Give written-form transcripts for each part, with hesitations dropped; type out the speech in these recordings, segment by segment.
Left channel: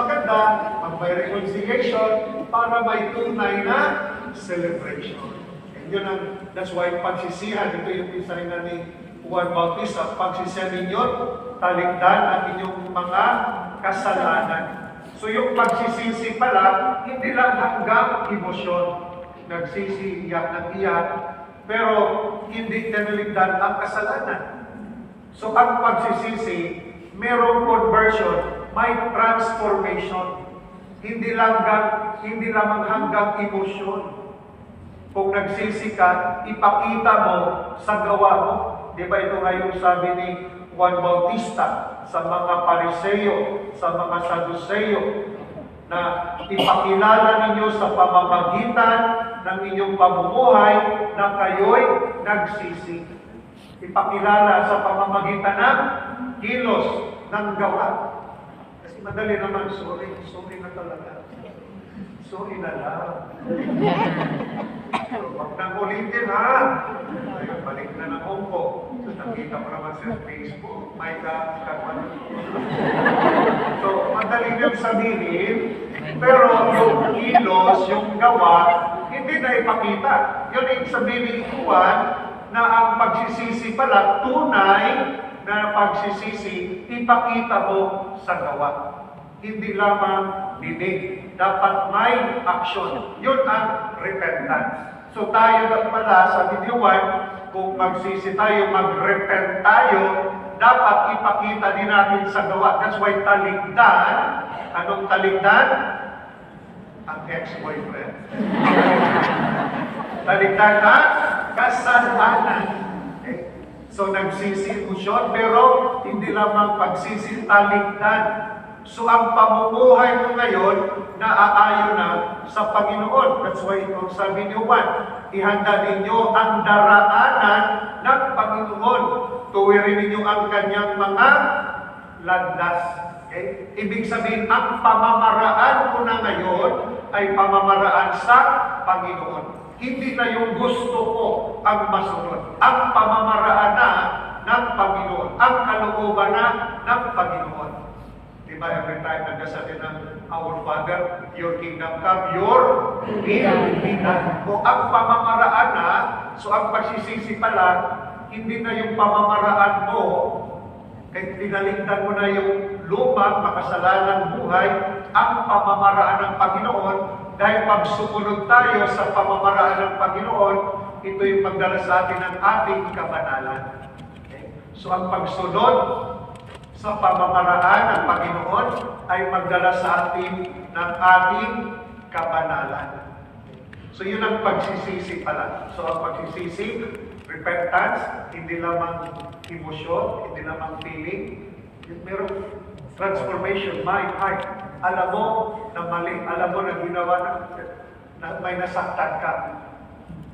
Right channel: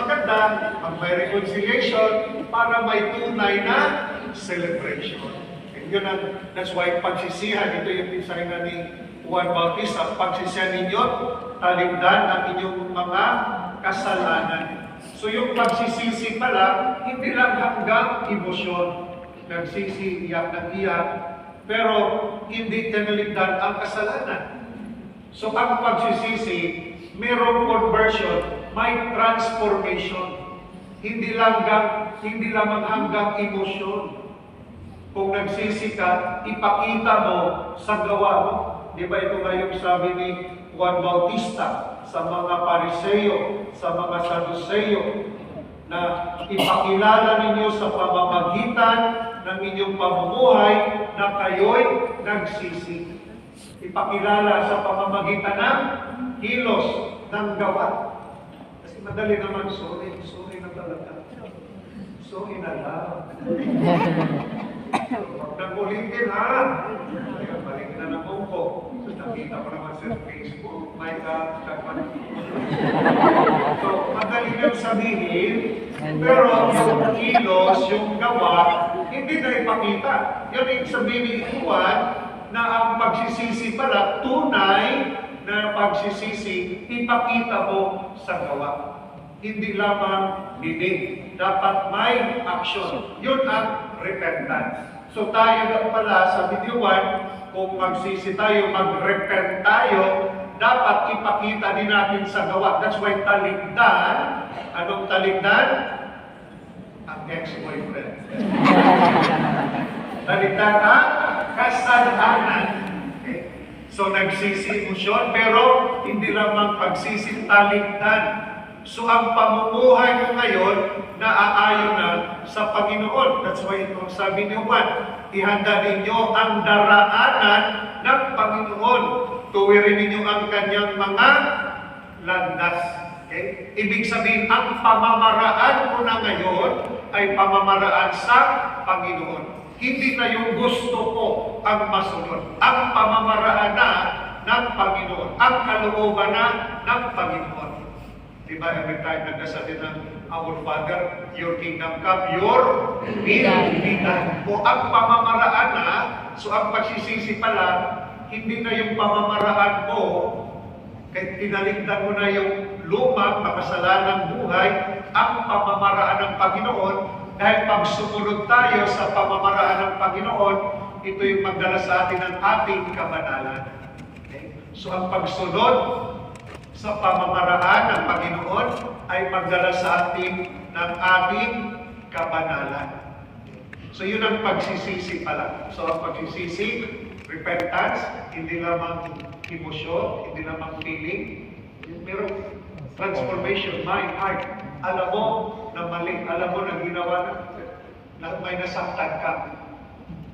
maganda ang may reconciliation para may tunay na celebration. And yun that's why pagsisihan, ito yung pinsaringan ni Juan Bautista, pagsisihan ninyo, talimdan ang inyong mga kasalanan. So yung pagsisisi pala, hindi lang hanggang emosyon. Nagsisi, iyak ng iyak, pero hindi tinaligdan ang kasalanan. So ang pagsisisi, mayroong conversion, may transformation. Hindi lamang hanggang emosyon. Kung nagsisi ka, ipakita mo sa gawa mo. Di ba ito nga yung sabi ni Juan Bautista sa mga Pariseo, sa mga Saduceo, na ipakilala ninyo sa pamamagitan ng inyong pamumuhay na kayo'y nagsisi. Ipakilala sa pamamagitan ng kilos, ng gawa. Kasi madali naman, sorry na talaga. Sorry na lang. Pag nagulitin ha, ayun, balik na ng ko. Nakita ko naman sa Facebook, may kakapanood. So, madali lang sabihin, pero yung kilos, yung gawa, hindi na ipakita. Yun yung sabihin ni Juan, na ang pagsisisi pala, tunay na pagsisisi, ipakita mo sa gawa. Hindi lamang dinig. Dapat may action. Yun ang repentance. So tayo lang pala sa video 1, kung magsisi tayo, mag-repent tayo, dapat ipakita din natin sa gawa. That's why taligdan. Anong taligdan? Ang ex-boyfriend. Taligdan na kasalanan. Okay. So nagsisi siya, pero hindi lamang pagsisi, taligdan. So ang pamumuhay mo ngayon, naaayon na sa Panginoon. That's why itong sabi ni Juan, ihanda ninyo ang daraanan ng Panginoon. Tuwirin ninyo ang kanyang mga landas. Okay? Ibig sabihin, ang pamamaraan mo na ngayon ay pamamaraan sa Panginoon. Hindi na yung gusto ko ang masunod. Ang pamamaraan na ng Panginoon. Ang kalooban na ng Panginoon. Diba, every time nagdasal din ng Our Father, Your Kingdom Come, Your will be done. O ang pamamaraan na, so ang pagsisisi pala, hindi na yung pamamaraan mo, kahit pinaligtan mo na yung lumang makasalanang buhay, ang pamamaraan ng Panginoon, dahil pag sumunod tayo sa pamamaraan ng Panginoon, ito yung magdala sa atin ng ating kabanalan. Okay? So ang pagsunod sa pamamaraan ng Panginoon ay magdala sa atin ng ating kabanalan. So yun ang pagsisisi pala. So ang pagsisisi, repentance, hindi lamang emosyon, hindi lamang feeling, pero transformation, mind, heart. Alam mo na mali, alam mo na ginawa na may nasaktan ka.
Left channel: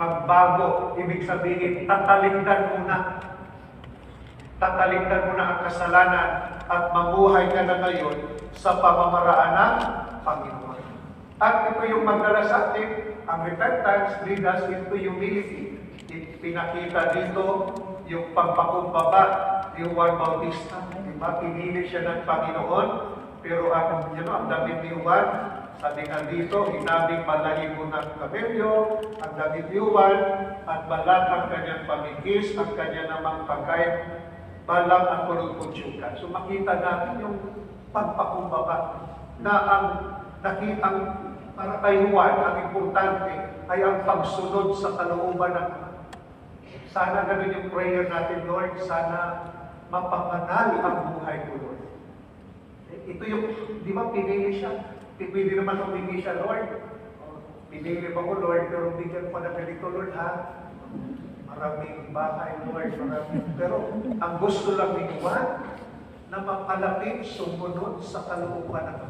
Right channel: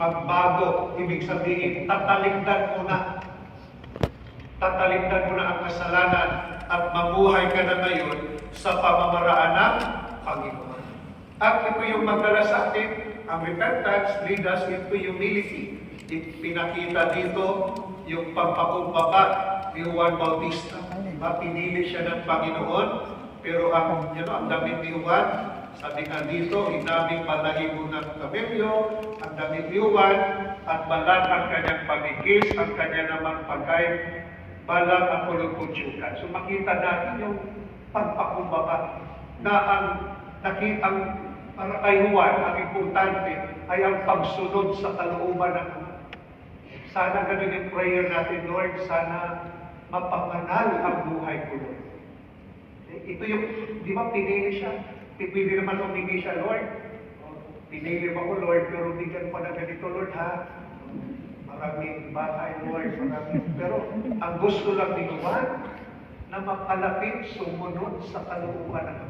Magbago, ibig sabihin, tatalimdan mo na. Tatalimdan mo na ang kasalanan at mabuhay ka na ngayon sa pamamaraan ng Panginoon. At ito yung magdala sa atin, ang repentance lead us into humility. Pinakita dito yung pagpakumbaba ni Juan Bautista. Diba? Pinili siya ng Panginoon, pero ang damit ni Juan, sabi nga dito, inabing balahibo ng kabelyo, ang damit ni Juan, at balat ang kanyang pamigis, ang kanya namang pagkain, balang ang kulong-kutsyogan. So makita natin yung pagpakumbaba na ang para kay Juan, ang importante ay ang pagsunod sa kalooban ng sana ganun yung prayer natin, Lord, sana mapapanal ang buhay ko, Lord. Ito yung, di ba pinili siya? Pipili naman humingi siya, Lord. Pinili mo ko, Lord, pero bigyan ko na ganito, Lord, ha? Maraming bahay, Lord, maraming. Pero ang gusto lang ni Juan, na makalapit, sumunod sa kalooban ng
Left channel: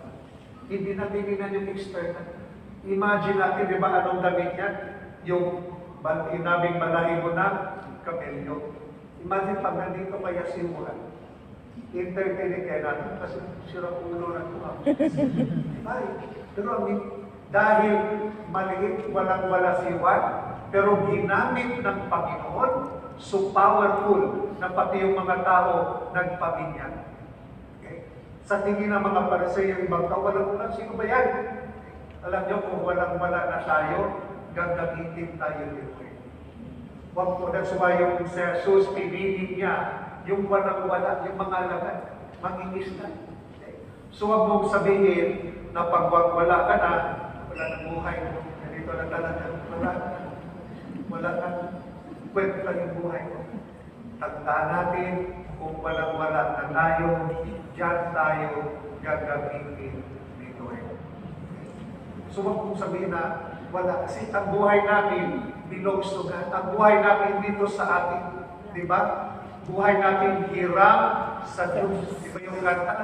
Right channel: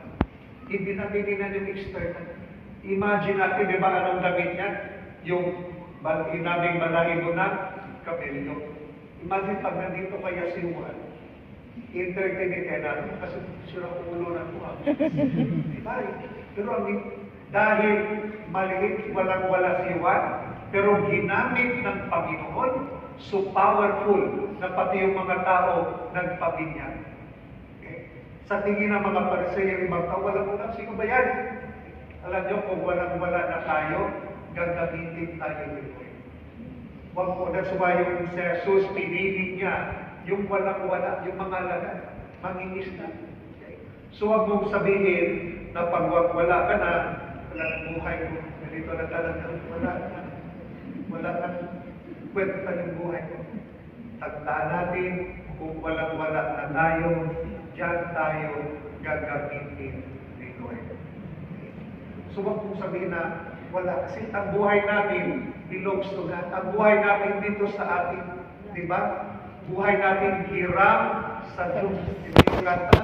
hindi na yung external. Imagine natin, di ba, anong damit niya? Yung inabing balahibo na kabelyo. Imagine pag nandito kaya si Juan, entertain natin kasi sila ulo na ito. Diba? Pero dahil maliit, walang-wala si Juan, pero ginamit ng Panginoon, so powerful na pati yung mga tao nagpabinyag. Okay? Sa tingin ng mga Pariseo, ibang tao, walang wala, sino ba yan? Alam niyo, kung walang-wala na tayo, gagamitin tayo dito. Huwag po na sumayo si Jesus, pinili niya yung walang-wala, yung mga alagad, mangingis na. So huwag mong sabihin na pag wala ka na, wala ng buhay mo. Ganito na talaga, wala na. Kwento pa yung buhay mo. Tandaan natin, kung walang-wala na tayo, diyan tayo gagamitin ni Lord. So huwag mong sabihin na wala. Kasi ang buhay namin belongs to God. Ang buhay namin dito sa atin, di ba? Buhay natin hiram sa Diyos. Hindi yung kata,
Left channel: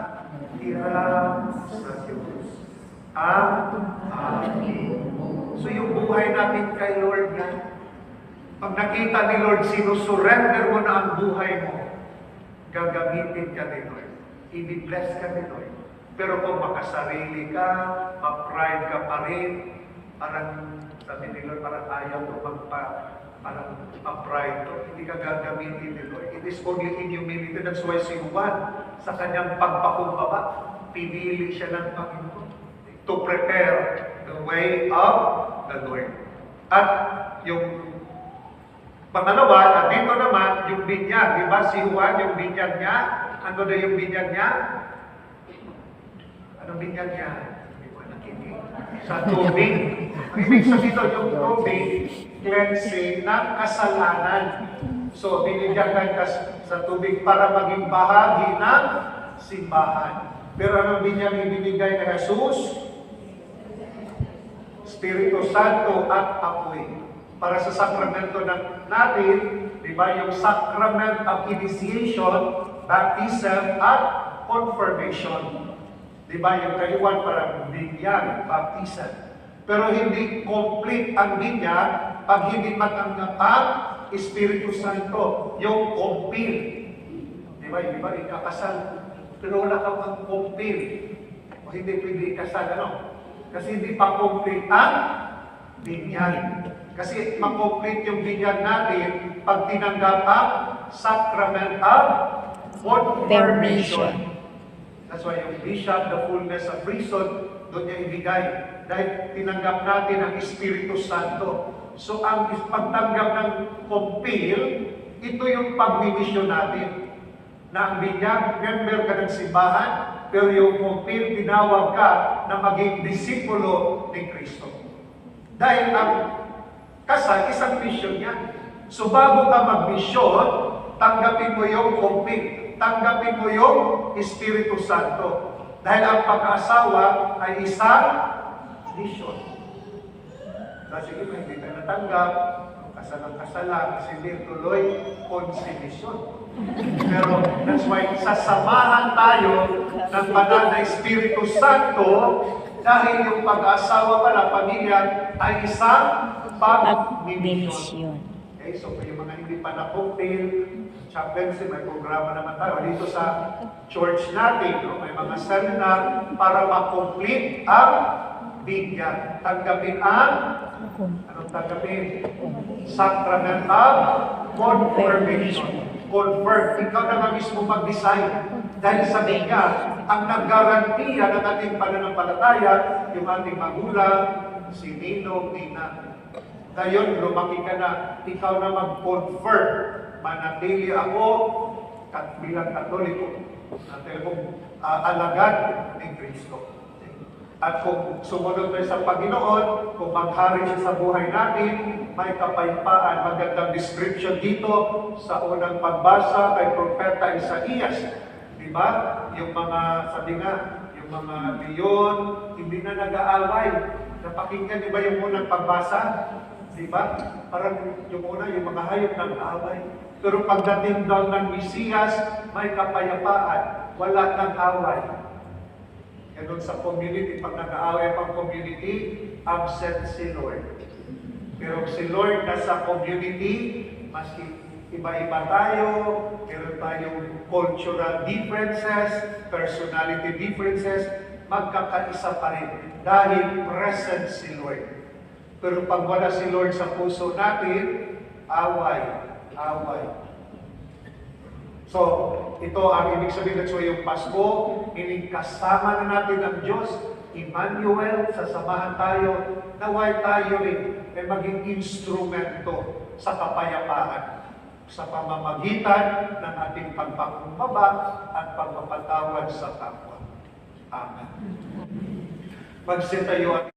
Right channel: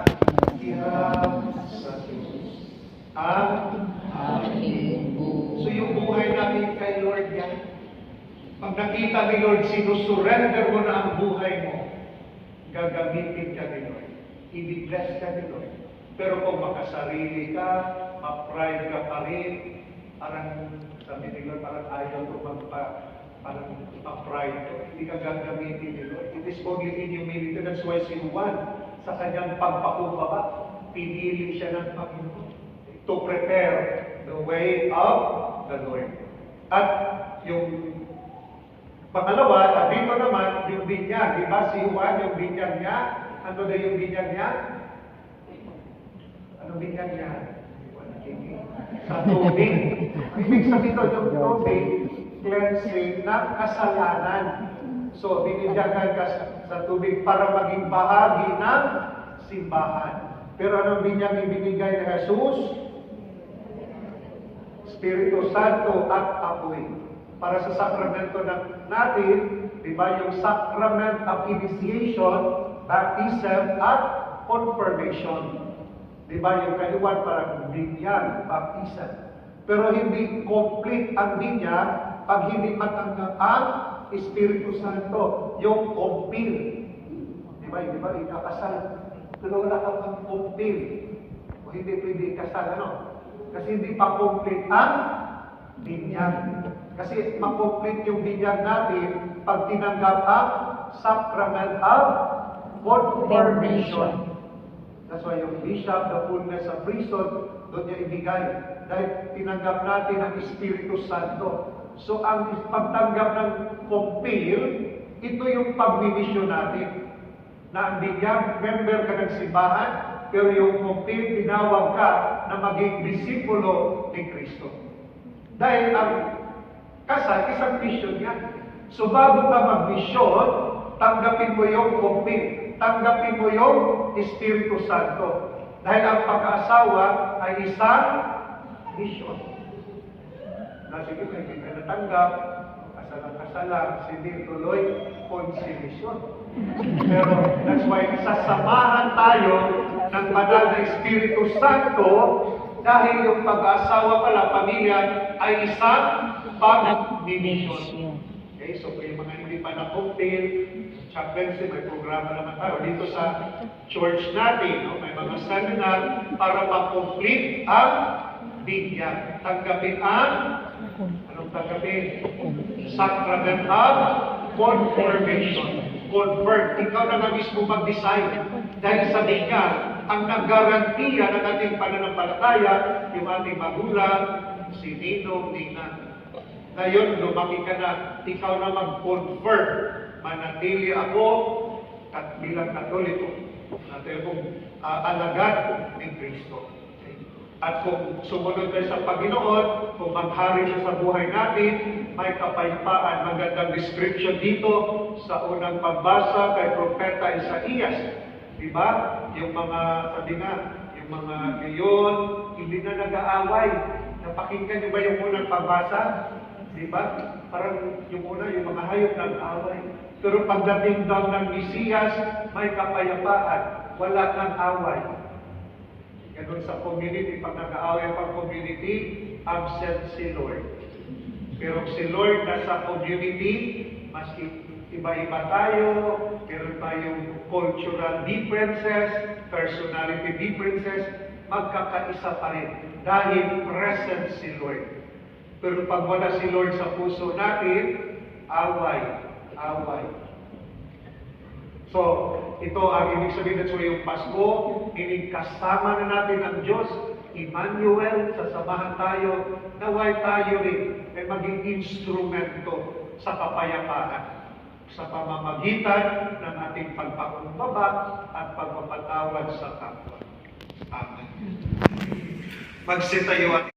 hiram sa Diyos. Amen. So yung buhay namin kay Lord yan. Pag nakita ni Lord, sinusurrender mo na ang buhay mo, gagamitin ka ni Lord. I-bless ka ni Lord. Pero kung makasarili ka, ma-pride ka pa rin, parang sabi ni Lord, parang ayaw ko parang ma-pride to. Hindi ka gagamitin ni Lord. It is only in humility. That's why si Juan, sa kanyang pagpakumbaba, pinili siya ng Panginoon to prepare the way of the Lord. At yung pangalawa, dito naman, yung binyag, di ba? Si Juan, yung binyag niya, ano na yung binyag niya? Anong binyag niya? Hindi ko nakinig. Sa tubig. Ibig sabihin doon, yung tubig, cleansing ng kasalanan. So, binigyan ka sa tubig para maging bahagi ng simbahan. Pero anong binyag ibinigay ni Jesus? Espiritu Santo at apoy. Para sa sakramento natin, di ba, yung sacrament of initiation, baptism, at confirmation. Di ba, yung kayuan parang binyag, baptism. Pero hindi complete ang binyag pag hindi matanggap ang Espiritu Santo, yung kumpil. Di ba, ikakasal. Pero wala kang ang kumpil. O hindi pwede ikasal, ano? Kasi hindi pa complete ang binyag. Kasi makomplete yung binyag natin pag tinanggap ang sacrament of confirmation. That's why yung bishop, the fullness of reason, doon niya ibigay. Dahil tinanggap natin ang Espiritu Santo. So ang pagtanggap ng kumpil, ito yung pagmimisyon natin. Na ang binyag, member ka ng simbahan, pero yung kumpil, tinawag ka na maging disipulo ni Kristo. Dahil ang kasal, isang mission yan. So bago ka mag-mission, tanggapin mo yung kumpil. Tanggapin mo yung Espiritu Santo. Dahil ang pag-aasawa ay isang mission. Sige ba, hindi ka natanggap, kasal ang kasal lang, hindi tuloy konsimisyon. Pero that's why sasamahan tayo ng banal na Espiritu Santo dahil yung pag-aasawa pala, pamilya, ay isang pag-misyon. Okay, so may mga hindi pa na-cocktail, chaplaincy, may programa naman tayo. Dito sa church natin, may mga seminar para ma-complete ang binyag. Tanggapin ang, anong tanggapin? Sacrament of confirmation. Convert. Ikaw na nga mismo mag-decide. Dahil sa binyag, ang nag-garantiya ng ating pananampalataya, yung ating magulang, si Ninong, Nina. Ngayon, lumaki ka na, ikaw na mag-confirm. Manatili ako bilang Katoliko. Nanatili akong alagad ni Kristo. At kung sumunod tayo sa Panginoon, kung maghari siya sa buhay natin, may kapayapaan. Magandang description dito sa unang pagbasa kay Propeta Isaías. Diba? Yung mga, sabi nga, yung mga leon, hindi na nag-aaway. Napakinggan niyo ba yung unang pagbasa? Diba? Parang yung una, yung mga hayop nag-aaway. Pero pagdating daw ng Mesiyas, may kapayapaan. Wala ng away. Ganun sa community, pag nag-aaway pang community, absent si Lord. Pero si Lord nasa community, maski iba-iba tayo, meron tayong cultural differences, personality differences, magkakaisa pa rin dahil present si Lord. Pero pag wala si Lord sa puso natin, away. So So, ito ang ibig sabihin at so yung Pasko, kasama na natin ang Diyos, Emmanuel, sasamahan tayo, naway tayo rin ay maging instrumento sa kapayapaan sa pamamagitan ng ating pagpakumbaba at pagpapatawad sa kapwa. Amen. Magsitayo